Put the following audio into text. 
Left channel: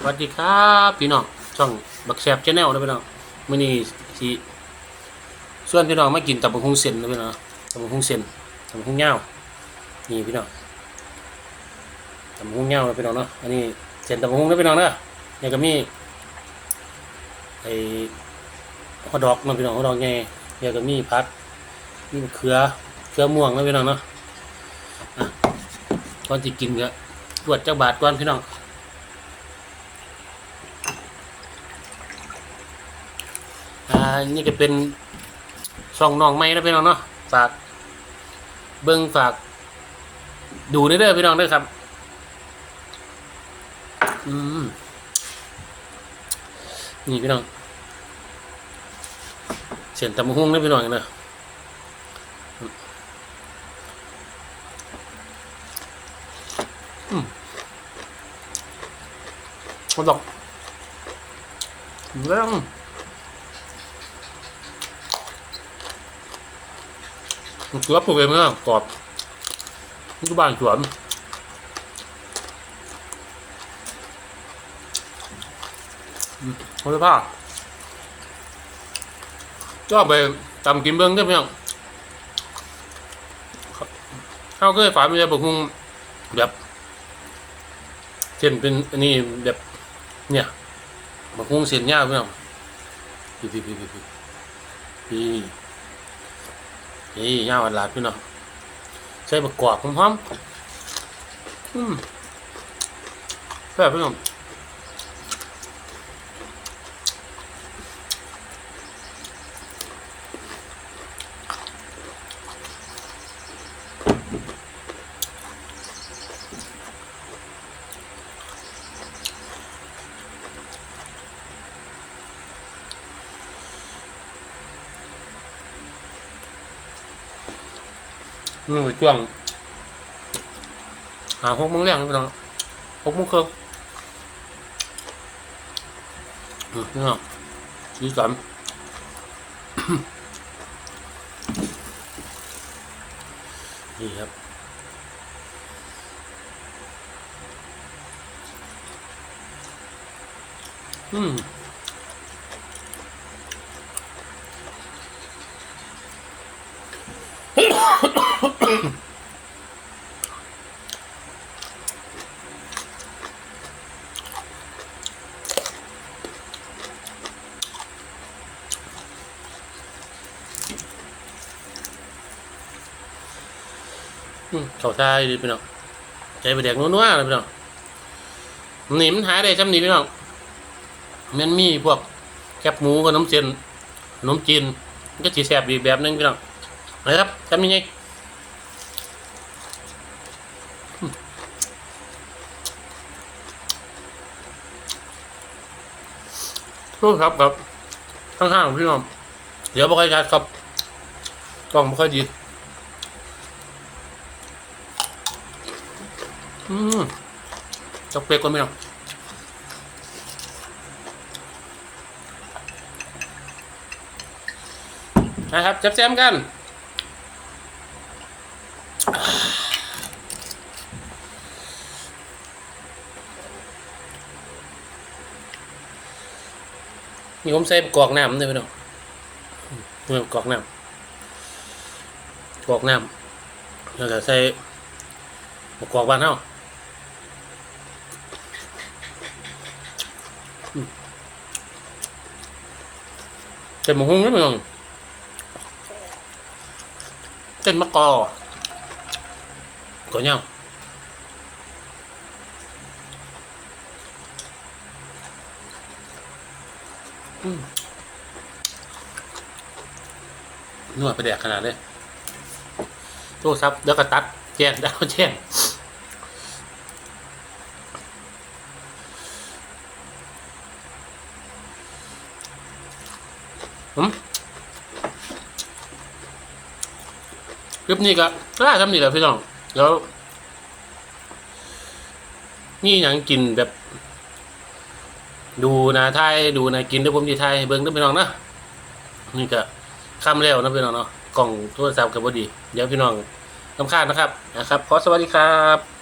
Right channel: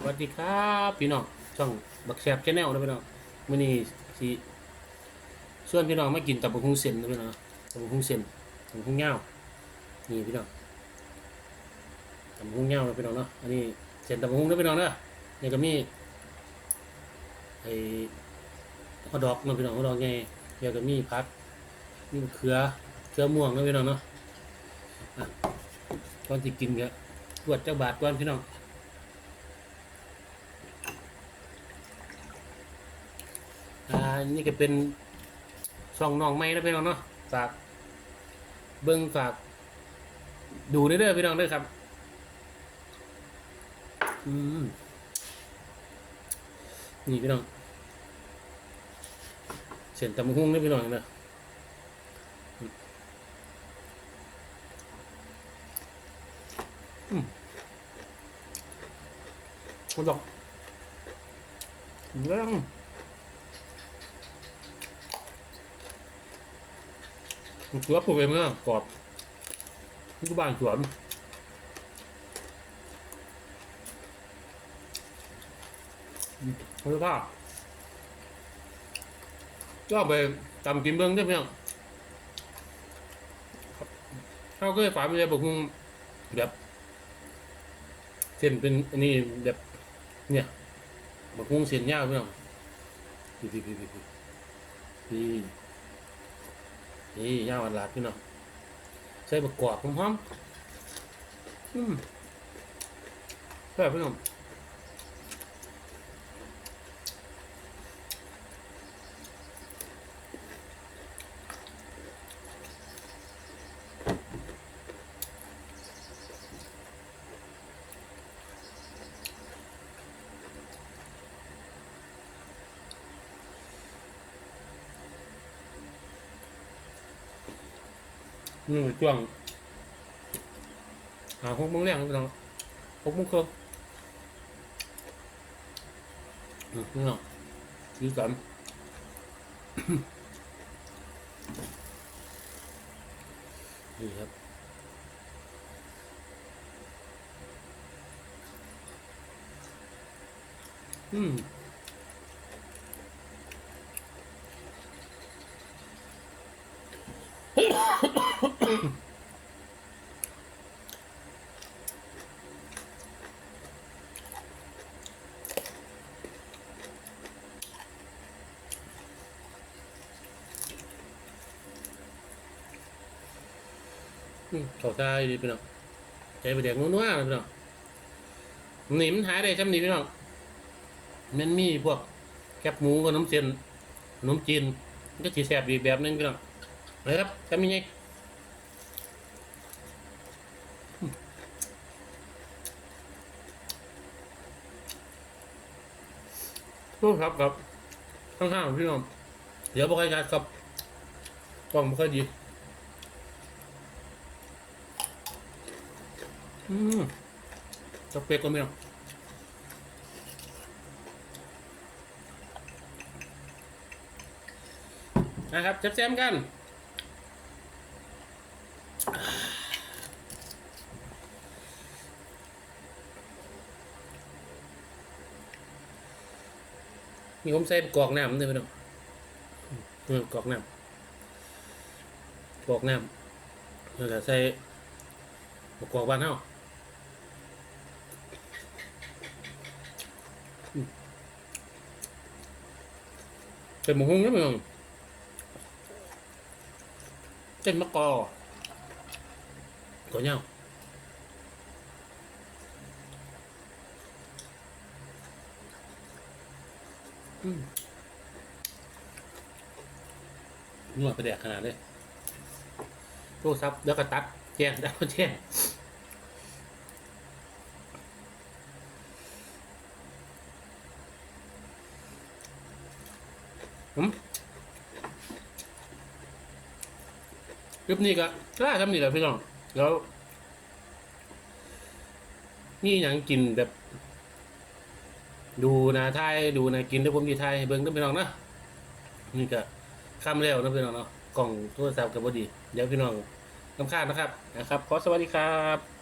สวัสดีครับพี่น้องช่องบักแซบชาแนลนะพี่น้องมื้อนี้สิส่วนพี่น้องมากินตับกหุ่งเส้นนะพี่น้องตับกหุ่งเส้นตับกหุ่งเหย้านี่พี่น้องตับกหุ่งเหย้านะพี่น้องเนาะอันนี้เส้นตับกหุ่งนะพี่น้องเนาะนี่ก็มีไอ้ฮอดอกนะพี่น้องฮอทดอกไงเนี่ยก็มีพัดมีมะเขือเขือม่วงนะพี่น้องเนาะอะก่อนสิกินก็ตรวจเจักบาทก่อนพี่น้อง อ่านี่ก็เป็นช่องน้องไม้นะพี่น้องเนาะฝาก เบิ้งฝาก ดูเด้อพี่น้องเด้อครับ อืมนี่พี่น้องเสียนตำบักหุ่งนะพี่น้องเนาะอืมมาดอกเรื่อง มันคือปลูกเองนะกรอบนี่ก็บ้านสวนอืมเขาจะผ้าก็ไปตำกินเบิ้องได้ไหมครับข้าวเคยฝาไม่ใช่บุกหุงแบบเส้นเป็นอันนี้แบบเนี่ยบุกหุงเส้นยาวไหมครับพี่พี่พี่พี่พี่ นี่ย่าวันลาพี่น้องใส่ประกอบพร้อมๆอืมแบบพี่น้อง อืมช่วงหาหกโมงแรงพี่น้องหกโมงครึ่งอืมพี่น้องสีสันนี่ครับอืม อืม เขาทายดีพี่น้องใจไปแดกนัวๆนะพี่น้องหนีมันหายได้จำหนีพี่น้องมันมีพวกแคบหมูกับน้ำเจนขนมจีนก็สีแสบอีกแบบนึงพี่น้องนะครับจำยังไง ร่วงครับครับข้างๆของพี่น้องเดี๋ยวไม่ค่อยชัดครับกล้องไม่ค่อยดีอืมจกเปียกก่อนไหมเนะนะครับแซมๆกัน นี่ผมใส่กอกน้ำด้วยพี่น้องนี่อกอกน้ำกอกน้ำแล้วก็ใส่มะกอกบ้านเฮาเต็มหมหุ้งนี่มึงเต็มมะกอก่อนยังอืม นวดไปแดกขนาดเลยโทษครับแล้วก็ตัด แจ้งดาวแจ้งคลิปนี้ก็ได้ทำนี่แหละพี่น้อง แล้ว นี่อย่างกินแบบ ดูนะไทยดูนะกินด้วยผมดีไทยเบิ้งด้วยพี่น้องนะนี่ก็ข้ามแล้วนะพี่น้องเนาะกล่องโทรศัพท์กับบดี เดี๋ยวพี่น้องลำคาญนะครับนะครับ ขอสวัสดีครับ